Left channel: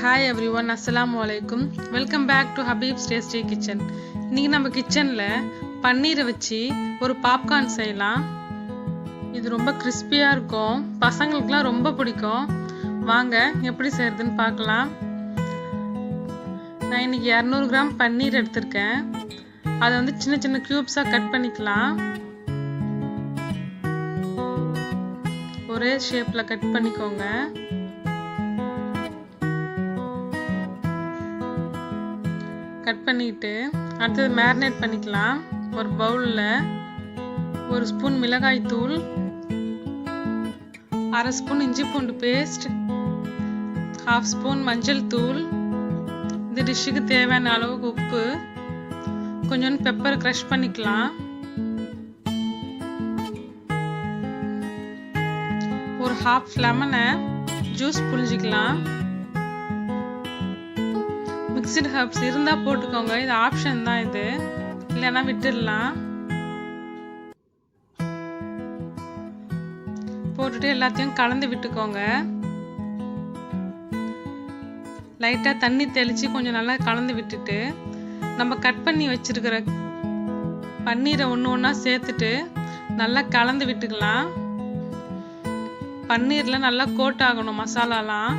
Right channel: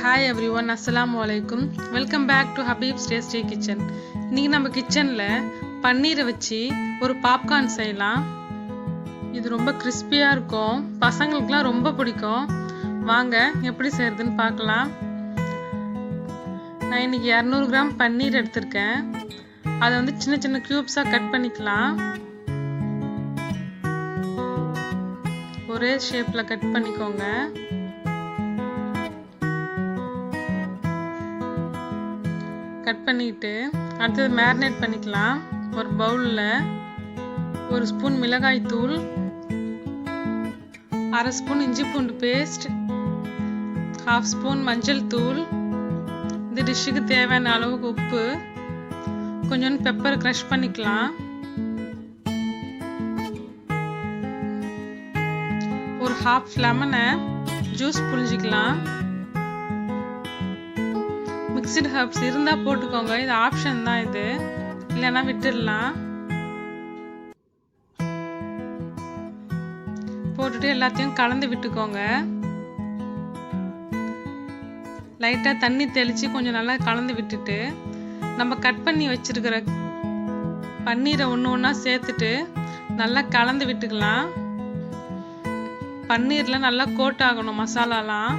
Hi everyone, Assalamu alaikum. Welcome back to Habib's Tasty Kitchen. இன்னைக்கு நம்ம கிச்சன்ல பன்னீரை வச்சு ஒரு பாப்கார்ன் செய்யலாம். இது ரொம்ப கிறிஸ்பியா இருக்கும். பசங்களுக்குலாம் ரொம்ப பிடிக்கும். வாங்க எப்படி செய்யறதுன்னு பார்க்கலாம். நான் இன்னைக்கு 200 கிராம் பன்னீர் எடுத்திருக்கேன். அதை வந்து சின்ன சின்ன கியூப்ஸா கட் பண்ணிக்கலாம். ஒரே ஷேப்ல கட் பண்ணிக்கோங்க. கட் பண்ணிட்டு அடுத்தது மேரினேட் பண்ணிக்கலாம். ஒரு பவுலில் 1 ஸ்பூன் மிளகாய் தூள், 1/2 ஸ்பூன் இஞ்சி பூண்டு பேஸ்ட், 1/2 ஸ்பூன் மஞ்சள் தூள், இந்த டிஷ்ஷுக்கு தேவையான அளவுக்கு உப்பு, கொஞ்சோண்டு பெப்பர் க்ரஷ் பண்ணிக்கலாம். ஒரு 1/2 லெமனை ஜூஸ் புழிஞ்சிக்கலாம். மிக்சடு ஹர்ப்ஸ் இருந்தால் போட்டுக்கோங்க, இது ஆப்ஷன் தான், இது இல்லைன்னா விட்டுடலாம். போட்டுட்டு எல்லாத்தையும் கலந்து விட்டுக்கோங்க. லைட்டாக தண்ணி தெளித்து கொஞ்சம் நல்லா கலந்து விட்டுட்டு நம்ம கட் பண்ணி வச்சுருக்கிற பன்னீரை ஒன்று ஒன்றா சேர்த்துட்டு நல்லா கலந்து விட்டுக்கலாம். பன்னீரில் நல்லா கோட் ஆகணும் மசாலாலாம்,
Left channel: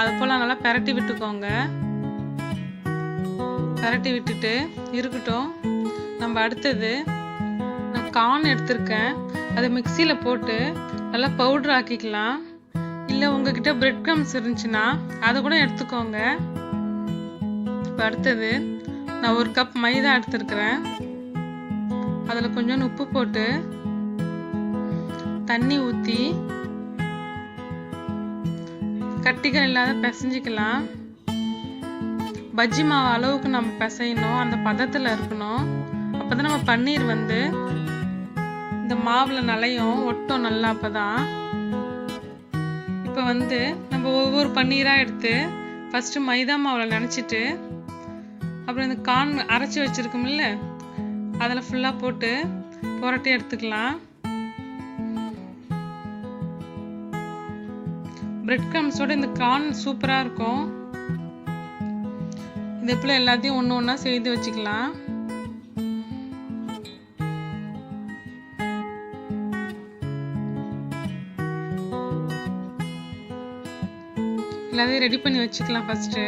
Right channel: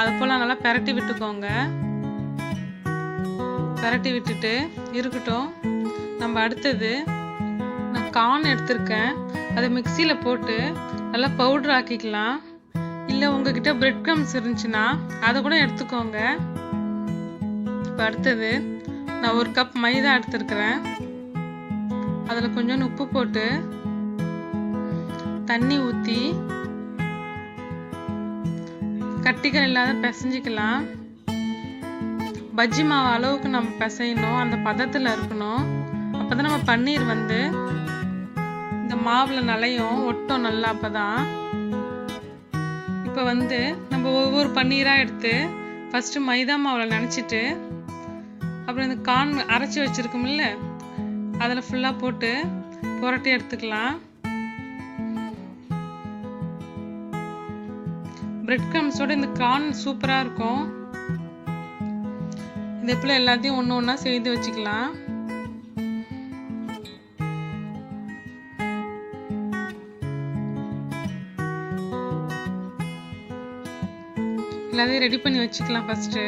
அது போல் நல்லா பெரட்டி விட்டுக்கோங்க. பெரட்டி விட்டுட்டு இருக்கட்டும். நம்ம அடுத்தது நான் கார்ன் எடுத்திருக்கேன், அதை மிக்சியில் போட்டு நல்லா பவுட்ரு ஆக்கிக்கலாம். இல்லை உங்ககிட்ட பிரெட் க்ரம்ஸ் இருந்துச்சுன்னா அதை கூட எடுத்துக்கோங்க. இப்போ அடுத்தது நான் 1 கப் மைதா எடுத்துருக்கிறேன். அதில் கொஞ்சோண்டு உப்பு போட்டு தண்ணி ஊற்றி கட்டிகள் இல்லாத பிசைஞ்சிக்கலாம். பஜ்ஜி மாவு அளவுக்கு நம்ம பிசையணும், அந்த பதத்தில் இருக்கணும். அப்போ தான் நம்ம பன்னீர் வந்து இந்த மாவில் நலையும் ஒட்டும் நல்லா. அப்போ தான் இப்போ வந்து நம்ம ஒவ்வொரு பன்னீராக எடுத்து ஃபஸ்ட்டு மைதா மாவில் நனைச்சிட்டு அப்புறம் இந்த கார்ன் அரைச்சி வச்சுருக்கோம்ல அதில் ஃபுல்லாக போட்டு புரட்டி எடுத்துக்கலாம். பிரெட் க்ரம்ஸோட இந்த கார்ன் சூப்பராக இருக்கும். இது போல் எல்லாத்தையும் ஒன்று ஒன்றா செய்து வச்சுக்கலாம். எல்லாத்தையும் ரெடி பண்ணி வச்சுக்கலாம். ஃபஸ்ட்டு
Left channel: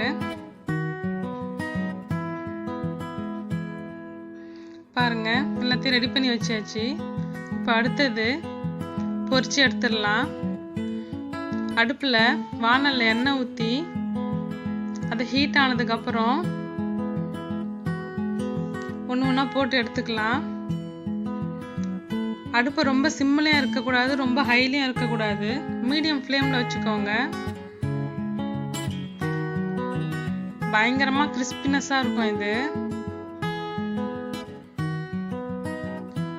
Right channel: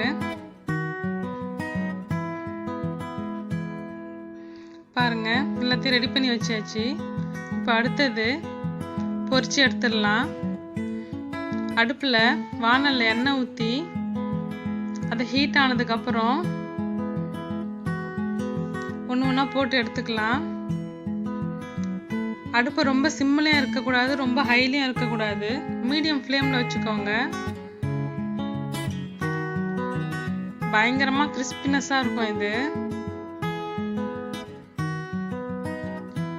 பாருங்க, எல்லாத்தையும் ரெடி பண்ணி வச்சாச்சு. இப்போ அடுத்தது பொரிச்சு எடுத்துடலாம். அடுப்பில் வானலில் எண்ணெய் ஊற்றி அது ஹீட் ஆனதுக்கப்புறம் ஒன்று ஒன்றா போட்டு எடுத்துக்கலாம். அடுப்பை ரொம்ப சிம்மிலையும் இருக்கக்கூடாது, ரொம்ப ஹைலையும் இருக்கக்கூடாது, மீடியம் ஃப்ளேமில் வச்சுக்கோங்க. பயங்கரமாக கிறிஸ்பினஸாக இருக்கும் இது.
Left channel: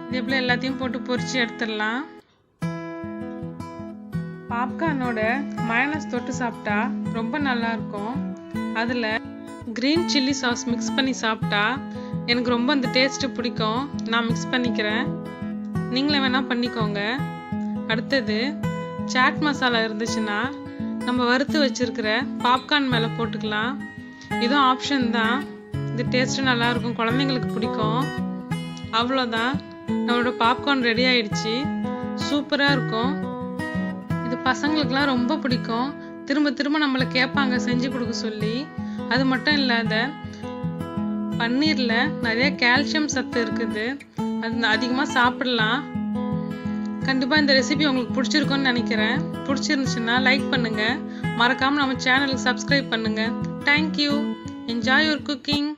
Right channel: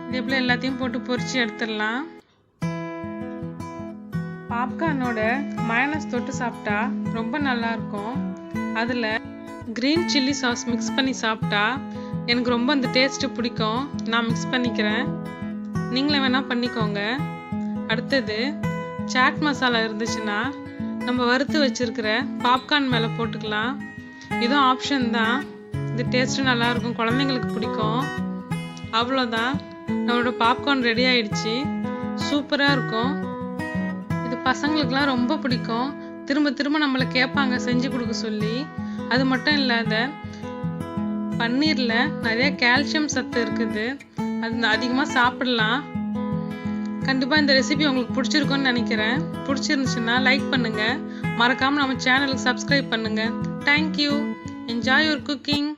இதே போல் எல்லாத்தையும் போட்டு பொரிச்சு எடுத்துடலாம். பாப்கார்னோட மயோனைஸ் தொட்டு சாப்பிட்டா ரொம்ப நல்லாயிருக்கும். அதில் க்ரீன் சில்லி சாஸ் மிக்ஸ் பண்ணி சாப்பிட்டா எனக்கு ரொம்ப அந்த டேஸ்ட்டு பிடிக்கும். நான் மிக்ஸ் பண்ணிக்கிறேன், நீங்களே வேணால் பண்ணிக்கோங்க. அடுத்தது சாட் மசாலா இருந்துச்சுன்னா நம்ம வறுத்து வச்சுருக்கிற பாப்கார்ன் மேலே போட்டுக்கலாம். இதுவும் ஆப்ஷன் தான், இது டேஸ்ட்டு நல்லாயிருக்கும், குழந்தைங்களுக்கு பிடிக்கும். அவ்வளோதான், நம்மளோட பாப்கார்ன் ரெடி ஆயிடுச்சு. சூப்பராக இருக்கும். இது பசங்களுக்கெலாம் ரொம்ப பிடிக்கும். திரும்ப திரும்ப நம்மளை கேட்பாங்க செஞ்சு கொடுக்க சொல்லி. அது மட்டும் இல்லாத பன்னீரில் நிறைய கால்சியம் சத்து இருக்குது, அது அதிகமாக சாப்பிடலாம். கண்டிப்பாக இந்த ரெசிபி உங்களுக்கு பிடிச்சிருக்குன்னு நினைக்கிறேன். பிடிச்சிருந்துச்சுன்னா லைக் பண்ணுங்கள், மறக்காமல் நம்ம சேனலுக்கு சப்ஸ்கிரைப் பண்ணுங்கள். தேங்க்யூ. Enjoy your cooking.